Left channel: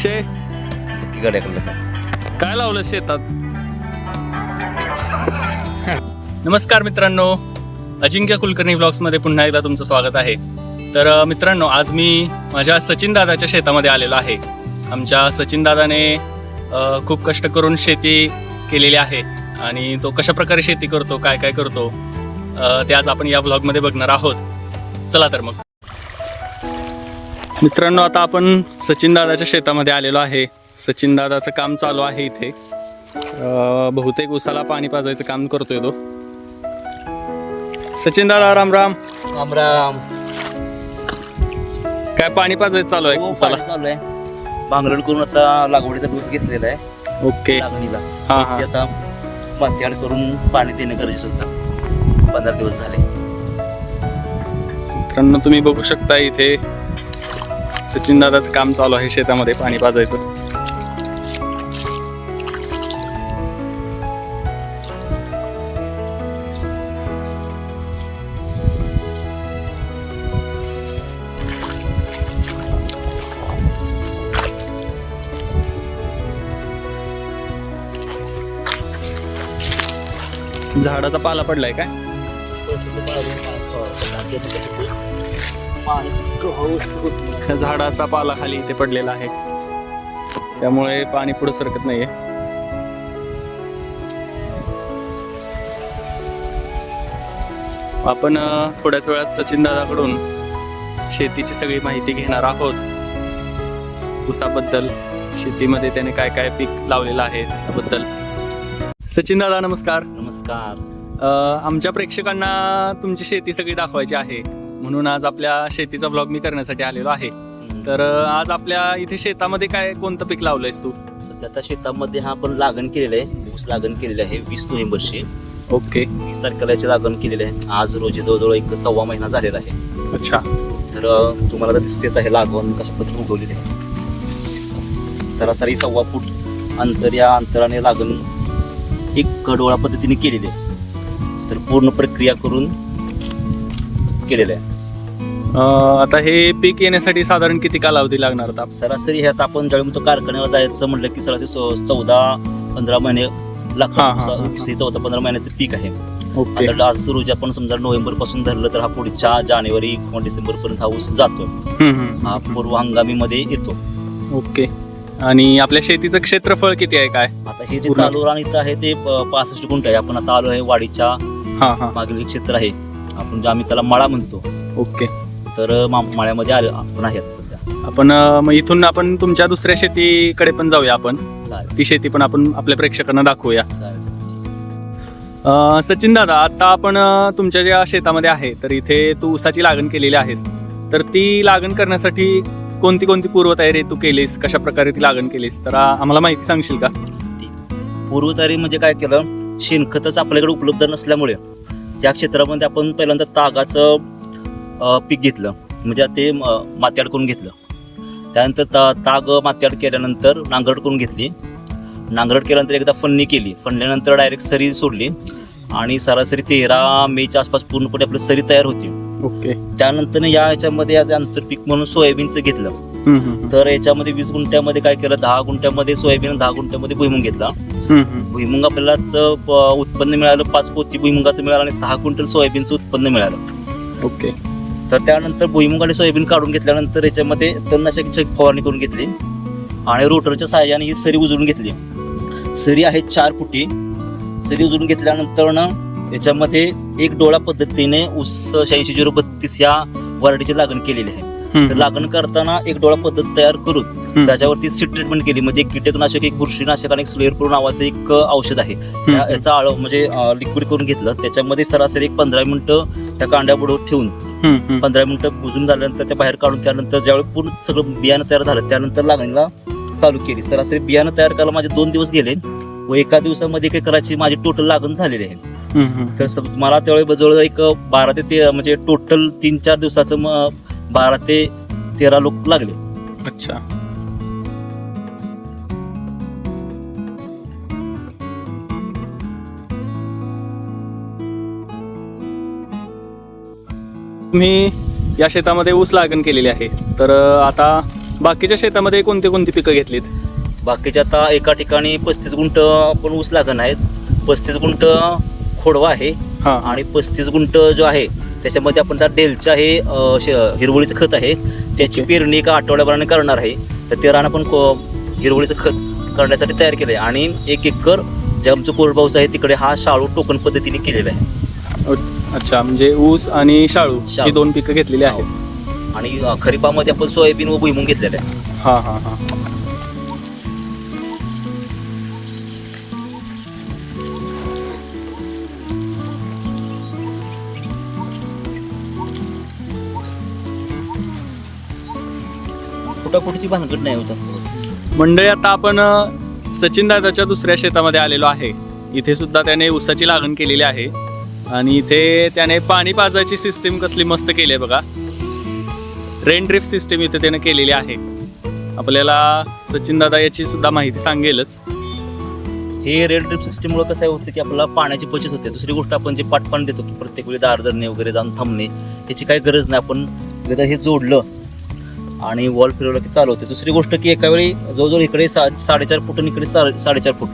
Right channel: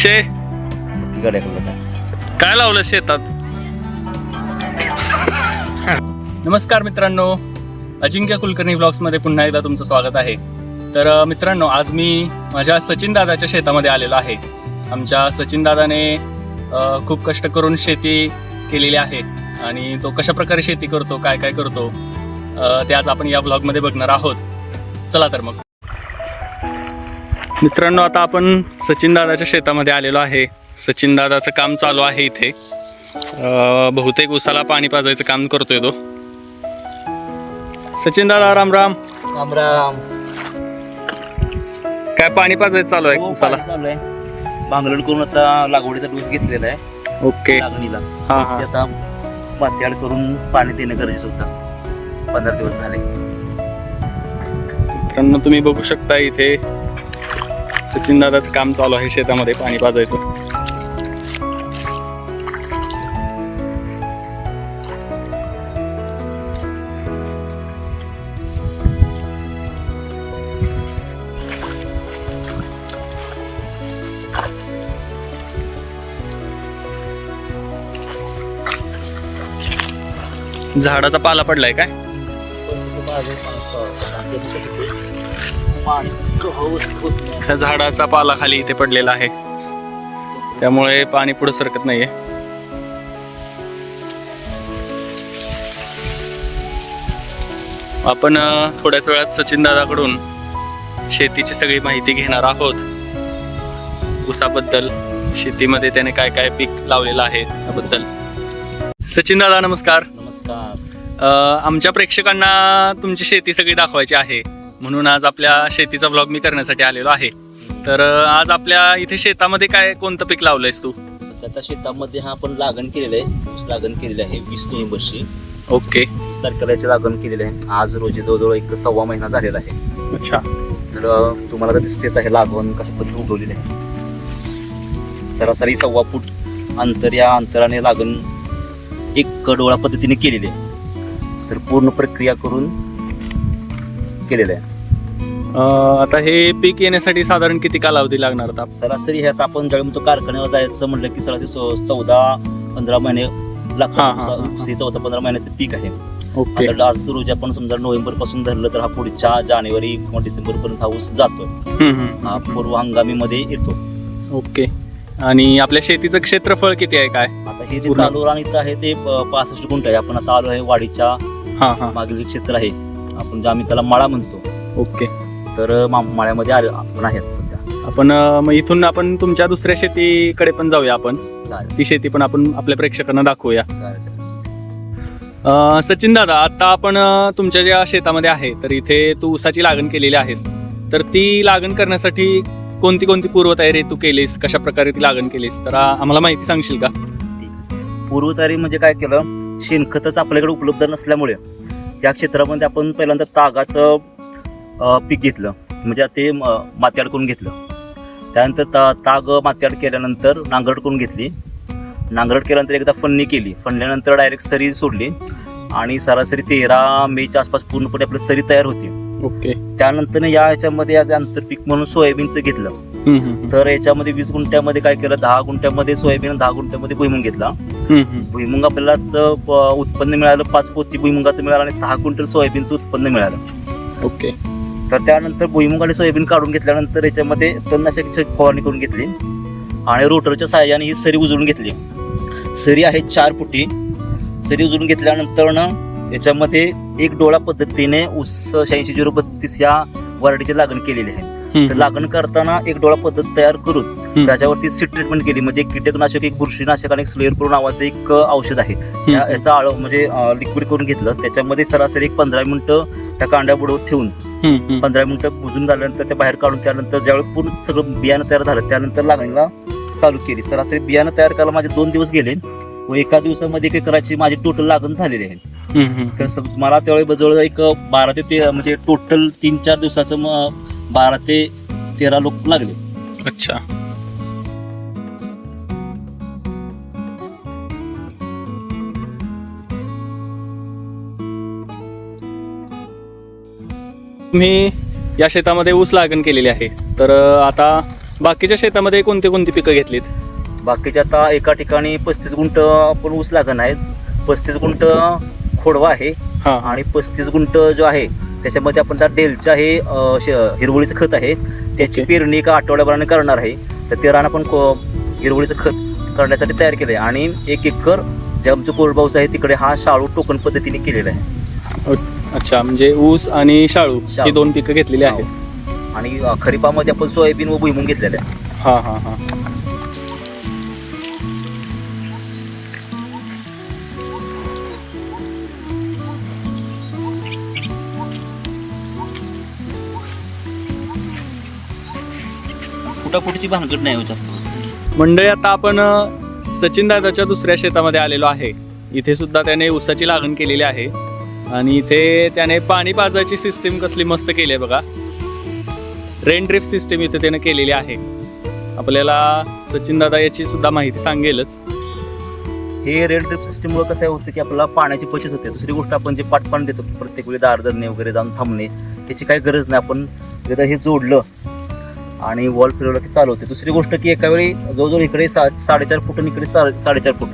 अक्षय? गड्याकडलं काय लावलं शेतात? नमस्कार मित्रांनो. अजिंक्य कुलकर्णी ब्लॉग्समध्ये पुन्हा एकदा तुमचं स्वागत आहे. तर मित्रांनो आज मी माझ्या सचिन दादाच्या शेतामध्ये आलेलो आहे. आमच्या सचिन दादाने खूप कष्ट करून शेती केलेली आहे आणि तो कशा प्रकारे शेती करतो काय काय करतो ते आज आपण या ब्लॉगमध्ये बघणार आहोत. चला तर मग. मित्रांनो आता आपण सचिन दादाच्या शेतामध्ये आलेलो आहे. सचिन दादाचं काम चालू आहे इथे. बहुतेक उसाला पाणी पाजायचं काम करतोय तो. सचिन दादा राम राम. राम राम. काय पाणी पाजायचं चालू आहे हो, उसाला? पाणी चालू आहे. भांगरण करून आता लागवडीचा डोस घेतलेला आहे. ओके. लागणीला. हा हा. ते आता पात्याड करून पाणी देणं गरजेचं होतं. पंधरा दिवस झाले. मित्रांनो तुम्ही बघू शकता इथे सचिन दादाचं काम चालू आहे शेतामध्ये पाणी पाजायचं. झाडाचा पाला पडलाय काय? त्या झाडाचा पाला खाली इथे पडलेला आहे. त्यामुळे पाणी पुढे सरकत नाहीये. आपण थोड्याच वेळात सचिन दादाकडून शेतीची सगळी माहिती घेणार आहोत. ऊसाबद्दल शेतीमध्ये त्याने काय काय पीक लावलेलं आहे त्याबद्दल. सचिन दादा नमस्कार. नमस्कार. आमच्या प्रेक्षकांना तुमची शेती सगळी दाखवायची आहे. म्हणून आज आपल्या शेतीचा ब्लॉग मी करण्यासाठी आलेलो आहे. तर आज आपल्या इथे शेतामध्ये काय कोणतं पीक लावलंयस तू? सध्या आता शेतामध्ये हा आपण लागण केलेलं आहे. ऊस लागण केलेली आहे वीस नोव्हेंबरची. ओके. वीस तारखेला लागण केलेली आहे. आज रोजी जवळजवळ एक सव्वा महिना झालेला आहे. अच्छा. तर तुम्हाला तर दिसतेच आहे लागवण कशा पद्धतीने उठवलेली आहे. सरासरी सव्वा फूट अंतर या अंतराने लागण एक कडोळा पद्धतीने केलेली आहे. पूर्ण प्रक्रिया करून केलेलं आहे. अ, आता हे पीक येण्यासाठी साधारण किती कालावधी लागणार आता? सरासरी हे आता आपण ज्यावेळी कारखान्याला जायचं म्हटलं की सरासरी चौदा पंधरा महिने हा, हा. लागतात चौदा पंधरा महिन्याचं पीक आहे. ओके. आता आज रोजी आपण समजा नोव्हेंबरपासून धरलं तर हा पुढच्या जानेवारी किंवा डिसेंबर पर्यंत हा ऊस जातो हम्म, हम्म. हा पूर्व हंगामीमध्ये येतो. ओके. आणि आपल्या शेतीचं क्षेत्रफळ किती आहे काय? आता हे जे पूर्ण. चालू रान इथं आहे ते प- पासष्ट गुंठ आहे. आपण आता आलो आहे वाडीच्या हा हा. मागील जे क्षेत्र आहे. आपण जे आम्ही त्याला मळा म्हणतो. ओके. तर मा- मळ्यामध्ये आलो. आपण आहेत सध्या. आपण अ, मग इथून आपण तुमच्या दुसऱ्या शेतीकडे पण जाऊया आपण. चालेल. ती शेती पण आपण आपल्या प्रेक्षकांना दाखवूया. चालेल अं, सचिन दादा आता आपण अं, तुमच्या ज्या शेतामध्ये आहे तर इथे तू ऊसाची लागण केलेली आहेस. तर ती लागण करण्यासाठी कोणती कोणती पूर्वतयारी तू केलीस? कशा प्रकारे ती लागण केलीस? तर आम्हाला माहिती सांगशील का? पूर्वतारी म्हणजे काय केलं? शेणखतच आपल्याकडे उपलब्ध नसल्यामुळे त्या क्षेत्रामध्ये आपण पहिल्यांदा तागाचं पीक घेतलं. म्हणजे ते माती अडकून घेतलं. त्यानंतर ता ताग माती अड केल्यानंतर नांगरट करून घेतली. नांगरट केल्यानंतर एकदा फन्नी केली. फन्नीनंतर डायरेक्ट सरी सोडली. आणि सरासरी तेरा मेच्या आसपास पूर्णपणे आपली सरी तयार होती. ओके. त्यानंतर या ह्याच्यामध्ये आज आंतरपीक म्हणून सोयाबीनचं घेतलं. तर याच्यामध्ये वीस गुंठ्यामध्ये काय केलं? दहा गुंठ्यामध्ये सोयाबीन दहा गुंठ्यामध्ये भुईमुंग घेतला. भुईमुंग आपल्याला ज- प- उत्पन्न मिळालं पाच पोती भुईमुगाचं मिळालं आणि सहा क्विंटल सोयाबीनचं उत्पन्न मिळालं. ओके. तर त्यानंतर भुईमुग आणि सोयाबीन काढून घेतल्यानंतर याच्यामध्ये तणनाशकाची फवारणी करून घेतली आणि रोटरच्या सहाय्याने ही सरी उजळून घेतली. सरी आहे चार फुटी. सरी उजळून घेतल्यानंतर ना याच्यामध्ये एक डोळा पद्धतीने ऊस शहाऐंशी झिरो बत्तीस ह्या वराडीची लागण केलेली आहे. तर लागण करताना एक डोळा पद्धत तयार करून त्याच्यावरती सीड ट्रीटमेंट केली. म्हणजे एक कीटकनाशक एक बुरशीनाशक आणि एक स्लेअर प्रो नावाचं एक औषध आहे. याचा आळ म्हणजे लिक्विड करून घेतलं. त्याच्यामध्ये सरासरी एक पंधरा मिनिटं त्या कांड्या बुडवून ठेवून पंधरा मिनिटं बुजून झाल्यानंतर ते बाहेर काढून त्यानंतर ज्यावेळी पूर्ण सगळं बियाणं तयार झालं त्यानंतर लागणीला चालू केली. सरासरी बियाणं तयार करायला माझे दोन दिवस गेले. व एका दिवसामध्ये एक एकराची माझी टोटल लागण झालेली आहे. तर मला त्यावेळी जवळ एक बारा ते ते म्हणजे टोटल तीन चार दिवसाचं मग बारा ते तेरा लोक लागले. अच्छा. तुम्ही या शेतामध्ये ऊस लागण केलेली आहे. तर अं, आता बाकीच्या शेतामध्ये कोणती कोणती पिकं घेतलीत? बाकीच्या आता एका ठिकाणी पस्तीस गुंठ आपण ऊस लागण आहेत. पस्तीस गुंठ खोडवा आहे हा. आणि पस्तीस गुंठ जो आहे त्याच्यामध्ये आपण त्या डेलचं हे हिरवळीचं खत आहे. त्याची. पेरणी एका आठवड्याभराने करणार आहे. तर ते रान आपण हिरवळीचं खत करण्यासाठी तयार केलं आहे आणि एक एकर जे आमचं कोरडबावचं आहे तिकडे हा शाळू टोकन पद्धतीने केलेला आहे. अच्छा म्हणजे ऊस आणि शाळू ही शाळू. दोन पिकं घेतलेली आहेत. आणि खरीपामध्ये आपण सोयाबीन व भुईमुग घेतलेला आहे. हा हा हा. फुटाफुटीची भानगड नाही हो जास्त. मंडळी आता आपण सचिन दादाच्या दुसऱ्या शेतामध्ये आलेलो आहे. इथे सुद्धा त्याने ऊसाची लागण केलेली आहे. आणि इथे त्याने पाणी पाजायची सिस्टीम कसली मस्त केली आहे बघा. रेन ड्रिफ्ट सिस्टीम इथे त्याने केलेली आहे. आपल्याला सचिन दादा याची सुद्धा माहिती सांगेलच. हे रेड ड्रिप सिस्टममुळे कसं आहे होतं की आपल्याला पाण्याची बचत होते. दुसरी गोष्ट आपण जे पाटपाणी देतो प्रत्येक वेळी दार धरणे वगैरे जाऊन थांबणे त्याची काही गरज नाही. आपण तिथं हे जोडलं आणि वॉल फिरवलं की चालू होते. दुसरी गोष्ट की एका वेळी जवळजवळ इकडे सा साडेचार फूट आणि इकडे सा साडेचार फूट.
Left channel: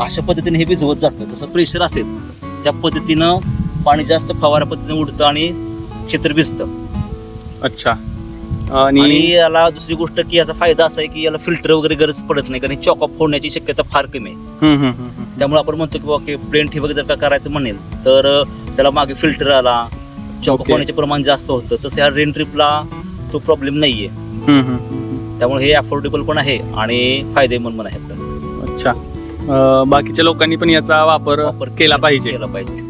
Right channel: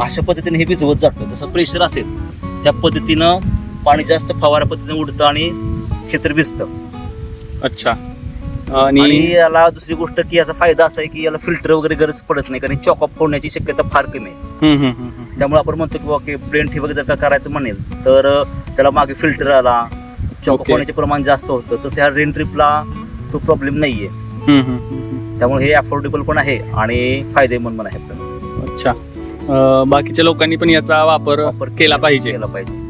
अशा पद्धतीने हे भिजवत जातं. जसं प्रेशर असेल त्या पद्धतीनं पाणी जास्त फवारा पद्धतीने उडतं आणि क्षेत्र भिजतं. अच्छा. आणि याला दुसरी गोष्ट की याचा फायदा असा आहे की याला फिल्टर वगैरे गरज पडत नाही कारण चॉकअप होण्याची शक्यता फार कमी आहे. त्यामुळे आपण म्हणतो की ओके प्लेन ठिबक जर का करायचं म्हणेल तर त्याला मागे फिल्टर आला चॉक Okay. होण्याचे प्रमाण जास्त होतं. तसं ह्या रेन ट्रिपला तो प्रॉब्लेम नाहीये. त्यामुळे हे अफोर्डेबल पण आहे आणि फायदेमंद पण आहे आपल्याला. अच्छा. बाकीच्या लोकांनी पण याचा वापर वापर केला पाहिजे. केला पाहिजे.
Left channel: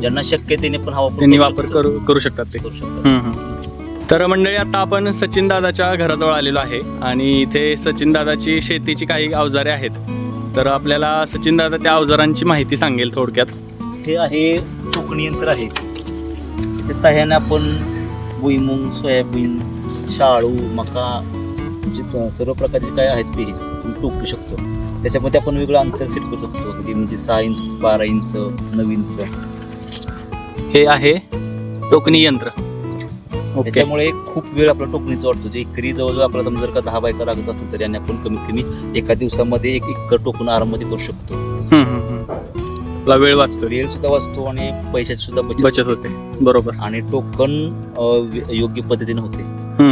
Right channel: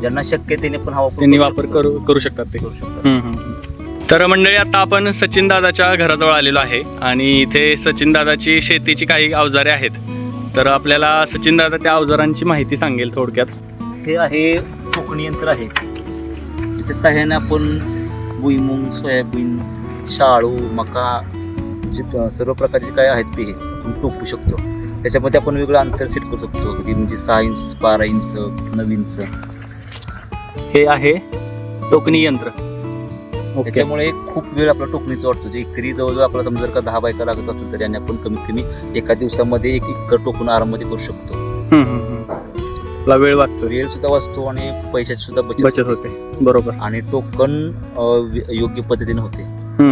ज्यांना शक्य त्यांनी पण हा वापर वापर. करू शकतात ते. करू शकतात. तर मंडळी आता आपण सचिन दादाच्या घराजवळ आलेलो आहे आणि इथे सचिन दादाची शेतीची काही अवजारे आहेत. तर आपल्याला सचिन दादा त्या अवजारांची माहिती सांगेल थोडक्यात. हे आहे टोकणी यंत्र आहे. ते सहाय्याने आपण भुईमुंग सोयाबीन शाळू मका जे सर्व प्रकारचे काय आहेत ते टोकू शकतो. त्याच्यामध्ये आपण वेगळं अंतर सेट करू शकतो. की म्हणजे सहा इंच बारा इंच नऊ इंच. हे आहे टोकणी यंत्र. त्याच्यामुळे खूप वेळ आपला टोकणीचा वाटतो जे एकरी जवळजवळ आपल्याला समजा जर का दहा बायका लागत असतील तर याने आपण कमीत कमी एका दिवसामध्ये एक एकर टोकून आराममध्ये करू शकतो. आपला वेळ वाचतो. वेळ सुद्धा वाचतो आणि पैशाची सुद्धा बचत होते. बरोबर. आणि टोकन योग्य पद्धतीने होते. हे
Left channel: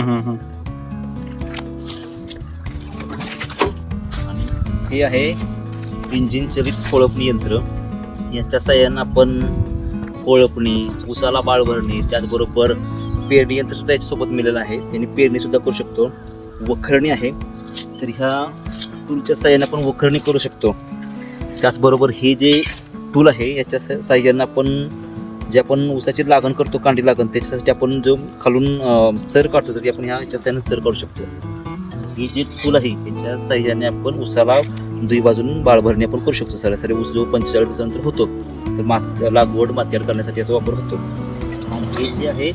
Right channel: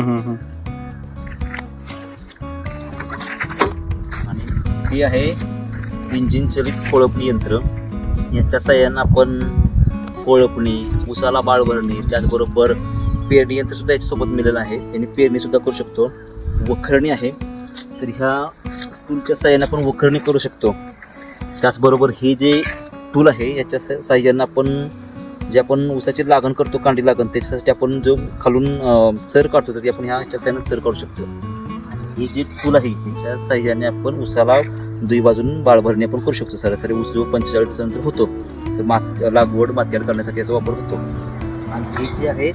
आहे इंजिन चलित कोळपणी यंत्र. याच्या सहाय्यानं आपण कोळपणी उसाला बाळ भरणे त्याचबरोबर पेरणी यंत्र सुद्धा याच्यासोबत मिळेलं आहे. त्यांनी पेरणी सुद्धा करू शकतो. वखरणी आहे. तर ह्या टूलच्या सहाय्याने आपण वखरणी करू शकतो. त्याचबरोबर हे जे टूल आहे याच्या साह्यानं आपण जे आपण ऊसाची लागण करतो कांडी लागण त्याच्यासाठी आपण जो खालून सर करतो काढतो ते आपण ह्या याच्या सर करू शकतो. ही जे टूल आहे त्याच्या सहाय्याने आपण उसाला दुई बाजून बाळभरणी आपण करू शकतो. सरासरी ऊस जो पंचेचाळीस दिवसानंतर होतो तर मात लागवड मातीआड करण्यासाठी याचा वापर होतो. हे जे आहे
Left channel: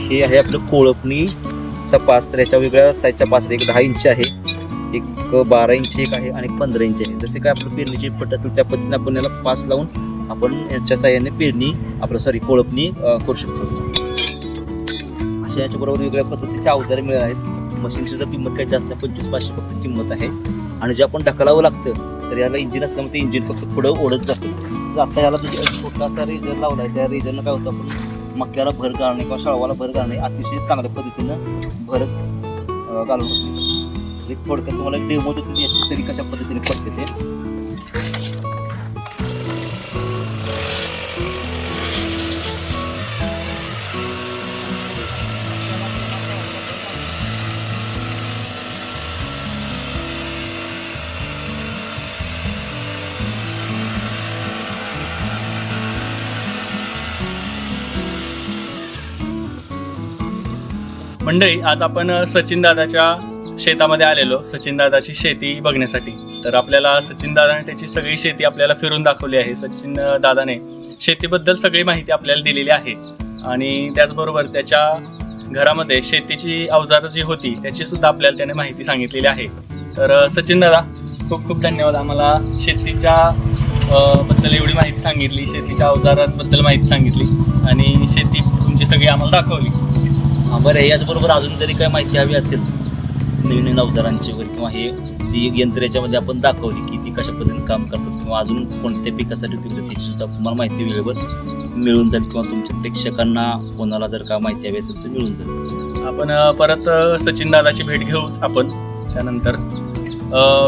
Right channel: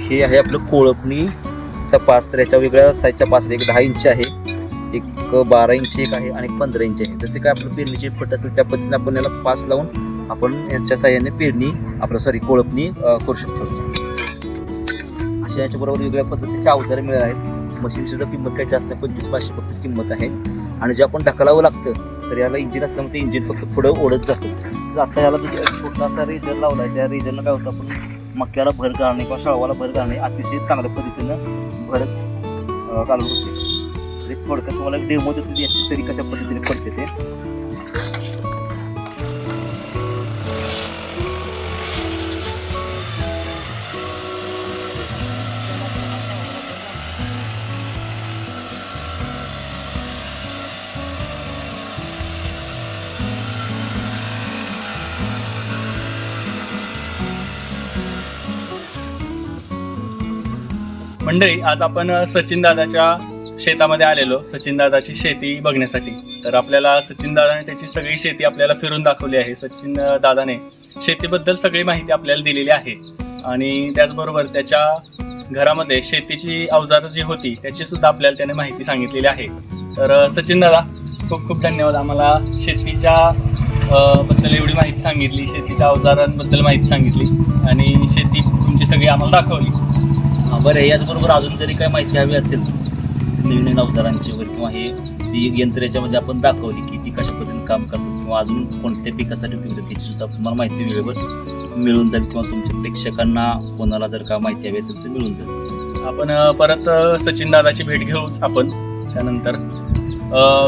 हे आहे आपलं कोळपणीचा पास याच्या वेगळ्या साईजच्या पासून एक दहा इंच आहे एक बारा इंच एक आहे आणि एक पंधरा इंच आहे. जसे काय आपलं पेरणीचे फट असतात त्या पद्धतीने आपण याला पास लावून आपण याच्या साह्याने पेरणी आपलं सॉरी कोळपणी करू शकतो. अशा याच्याबरोबर वेगळ्या पद्धतीचे अवजारे मिळाले आहेत. मशीनची जर किंमत काही जास्त नाही पंचवीस पाचशे फक्त किंमत आहे. आणि जे आपण ढकलावं लागतं तर याला इंजिन असल्यामुळे ते इंजिन फक्त पुढं ओढत जातं. जर आता याला दुसरा असा रेजर लावला आहे त्या रेजरनं काय होतं आपण मक्याला भर घालणे किंवा शाळवाला भर घालणे अतिशय चांगल्या पद्धतीनं भरत घालून. म्हणजे थोडक्यात तुम्हाला डेमो देतो याची सरी कशा पद्धतीने पडते ते. मंडळी आज आपण सचिन दादाच्या शेतामध्ये आलेलो. सचिन दादाची शेती बघण्यासाठी. तर आपल्याला सचिन दादाने त्याची सगळी शेती आपल्याला फिरून दाखवली आहे. सचिन दादाने शेतीबद्दल सगळी माहिती आपल्याला दिलेली आहे. आणि त्याचबरोबर त्याच्या घरामध्ये शेतीची अवजारं जी होती त्याची सुद्धा आपल्याला त्याने माहिती सांगितलेली आहे. तर सचिन दादा खूप खूप धन्यवाद आम्हाला शेतीच्या बद्दल एवढी माहिती सांगितली शेतीच्या अवजारांबद्दल माहिती सांगितली आणि शेती तुमची सगळी आम्हाला दाखवली. बरं याचबरोबर अजून जरी काय माहिती हवी असेल? नवीन नवीन अवजारांची वगैरे किंवा हे जी यंत्र याच्यामध्ये आपण दाखवली की ती कशा पद्धतीने काम करतात किंवा अजून कोणत्या पिकासाठी उपयुक्त त्याची सुद्धा तुम्हाला माहिती वेळेवर मिळून जाईल किंवा तुमच्या प्रेक्षकांना कोणाला जर का माहिती हवी असेल तर मिळून जाईल. आपण परत सचिन दादाची भेट घेऊच आपण. त्यानंतर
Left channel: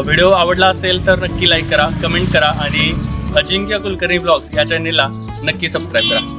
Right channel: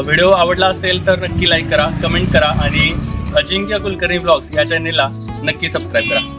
व्हिडिओ आवडला असेल तर नक्की लाईक करा कमेंट करा आणि अजिंक्य कुलकर्णी ब्लॉग्स या चॅनेलला नक्की सबस्क्राईब करा.